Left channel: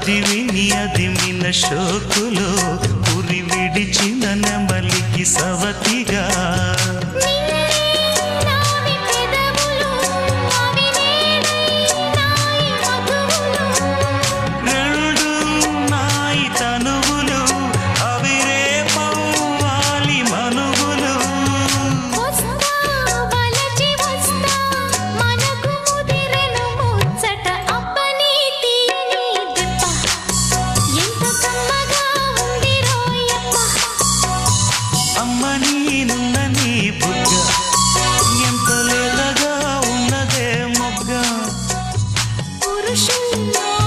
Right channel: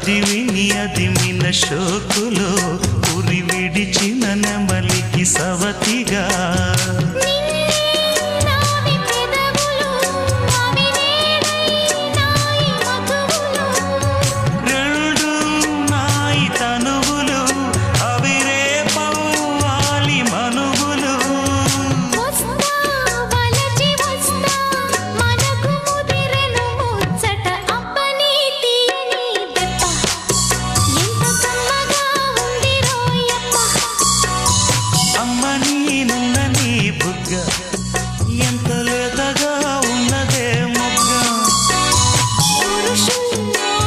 అదిమిన షోకులో ఉరి విడిచిన నెమలికి సవతిగా రెండు నాయి తనువులు అవి రేపవ్వాలి మనువులు అమ్మ నీనున్న నీ బుగ్గ ఎంత లేతగా ఉన్నదే మొగ్గ పురుషుల్లో